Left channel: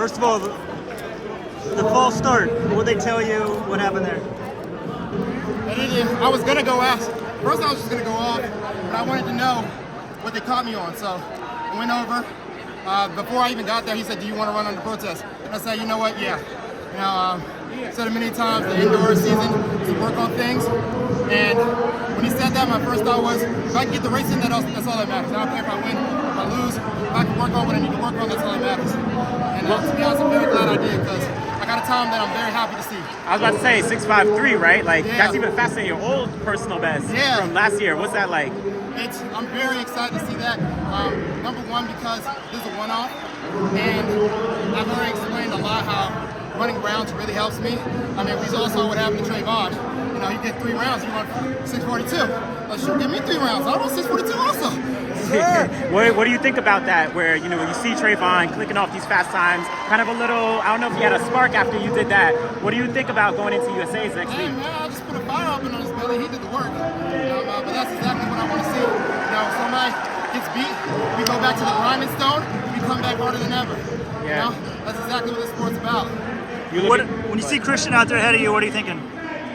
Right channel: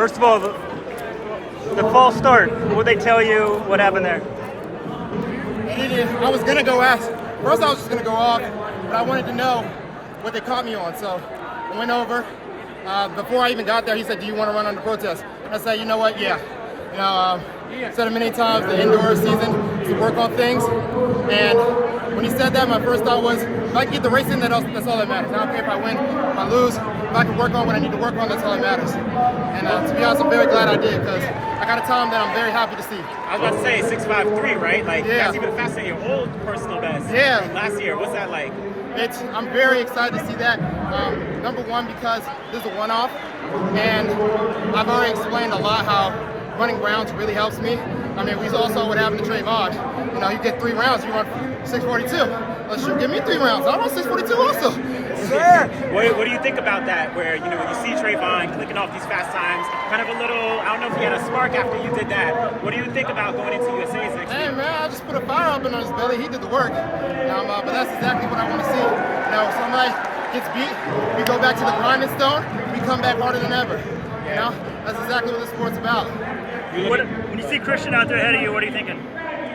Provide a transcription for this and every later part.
First of all, the false start. What would they tell you? What happened there? I was gonna go ask. First, I was just gonna go off, but I wanted to know what they caught me on. So I went over. Before I even got there, he said, "Do you want to run under protest?" I said, "You know what? Yeah." You know, said it many times. The indoor season is to work on things. And when he said that, my first thought was, if I can get the race in, that's all that matters. I don't care if I win, if I lose. If I can work on what I need to work on, that's all that matters. And to be honest, I'm very glad I did, because I got to tell him that I'm very happy to see. I was about to say 6.53, right? Like, yeah. That's even faster than your old personal best from last year. What's that like? I'm very excited to see that. Number one, because this is a one-off, and I've already explained a lot how running rounds really helps me. I mean, we all saw what happened to Trayvon. You know, you get 3 rounds, you run 6:42. Let's give me 3 rounds. I run 6:42 also. What do you think about that? Where you see Trayvon clicking off these fast times, kind of a little. I don't know if you had a spark after you did that. What do you think about going into USA's next Hey week? man, I just put a fire up in his belly. He did the work. But that's exactly what I want to see. If somebody gets beat, we go back to the grinding stone. We come back harder than ever. You know, that's exactly what this sport's about. When you see Christian out there ahead of you, what are you thinking?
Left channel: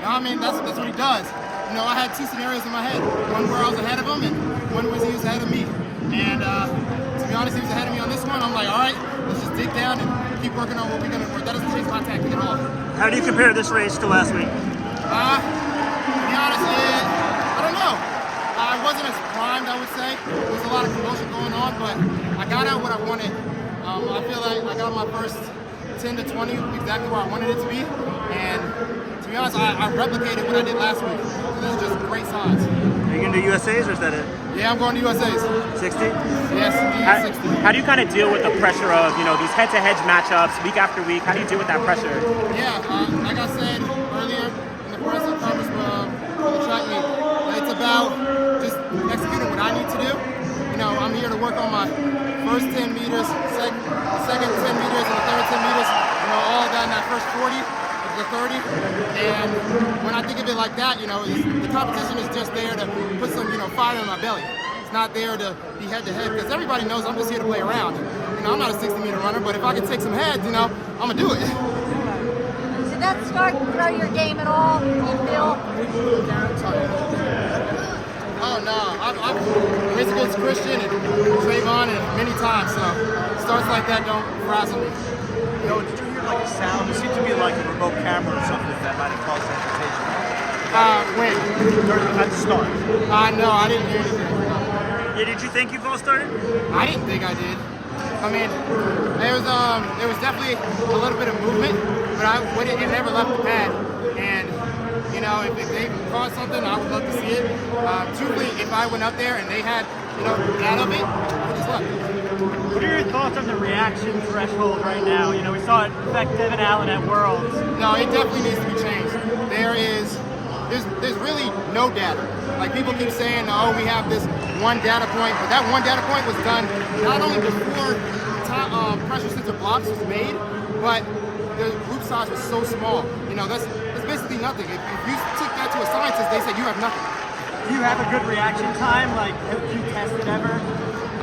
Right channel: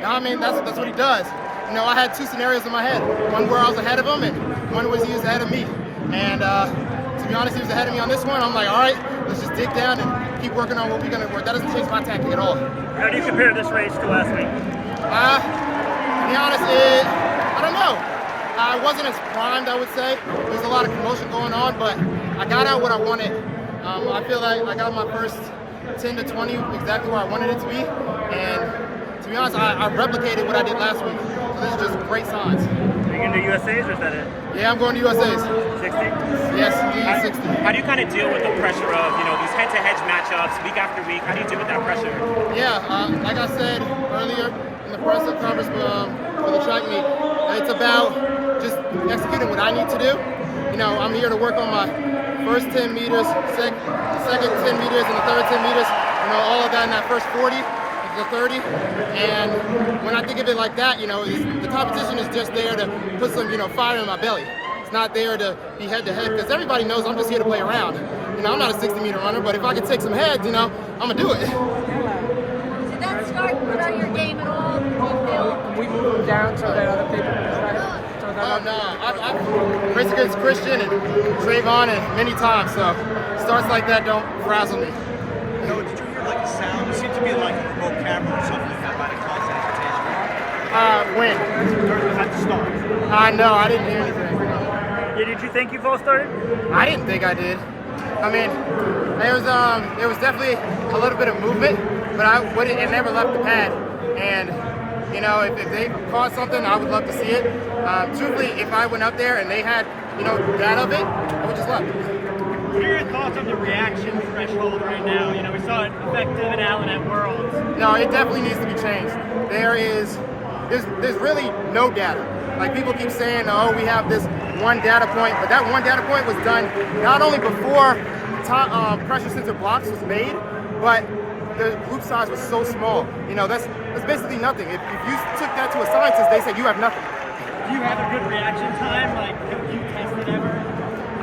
I mean, that's what he does. You know, I had 2 scenarios in my head. One where I was ahead of him, and one was he was ahead of me. And to be honest, he was ahead of me on this one. I'm like, all right, let's just dig down and keep working on what we're gonna work. That doesn't change my tactic at all. How do you compare this race to last week? To be honest, I don't know. I wasn't as primed, I would say. There's a lot of commotion going on, but I got out what I wanted. I feel like I got my first 10 to 20 exactly where I wanted it to be. And to be honest, I replicated what I did last week. This is just great signs. Are you going to do USA's or is that it? Yeah, I'm going to USA's. 60? Yes, indeed, 60. How do you kind of deal with the pressure of, these head-to-head matchups week after week? How do you deal with that pressure? Yeah, like I said earlier in the press conference for the track meet, it's about just executing what I need to do. I'm here to work on my first 10 meters, second 10 meters, and the third 10 meters. All of that in that first 40. The 30, and when I think of it like that, the competition is just there to put some, fire in my belly. It's not there to be head-to-head, because everybody knows I'm just here to play around. I'm not a 60-meter runner, but if I can take some heads, I'm gonna do it. Did that start throw your game at all? Do you feel? Down to Oh no, I've raced against Christian and Trayvon and many times, so starts like that don't frazzle me. You seem to be like a remote camera or something like that about a When? at the start. No, I didn't hear anything. Yeah, did you think you false started? I didn't think I did. I mean, it was definitely a little bit of movement, but it never left the pad. And if they caught something, I would love to see it. Truthfully, if I went out there and they had that of it, I would just love it. What are your thoughts on the reaction threshold right now? We saw it affect Devin Allen at Worlds. No, it definitely needs to be changed. There's really no data. Like people keep saying, oh, we have this one data point, but that one data point was done not only before pressure sensor blocks was made, but the group size was so small. That's basically nothing. If you took that to a scientist, they say you have nothing. Do you have a good reaction time? Like, have you tested ever?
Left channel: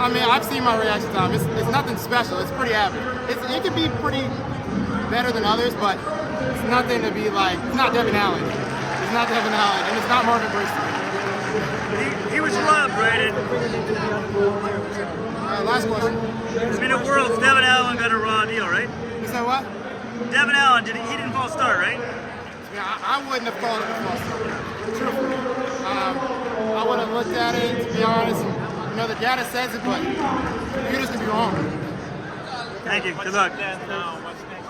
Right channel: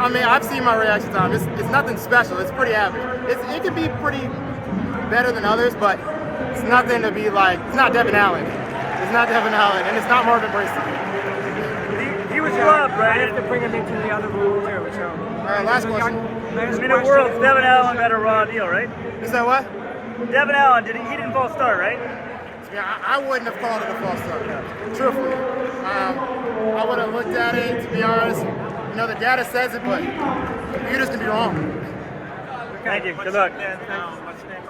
I mean, I've seen my reaction time. It's nothing special. It's pretty average. It can be pretty better than others, but it's nothing to be like. It's not Devin Allen. It's not Devin Allen, and it's not Marvin Burston. He was robbed, right? Last question. At Worlds, Devin Allen got a raw deal, right? You said what? Devin Allen, he didn't false start, right? Yeah, I wouldn't have called it a false start. Truthfully, I would have looked at it. To be honest, the data says it, but computers can be wrong. Thank you. Good luck. What's next?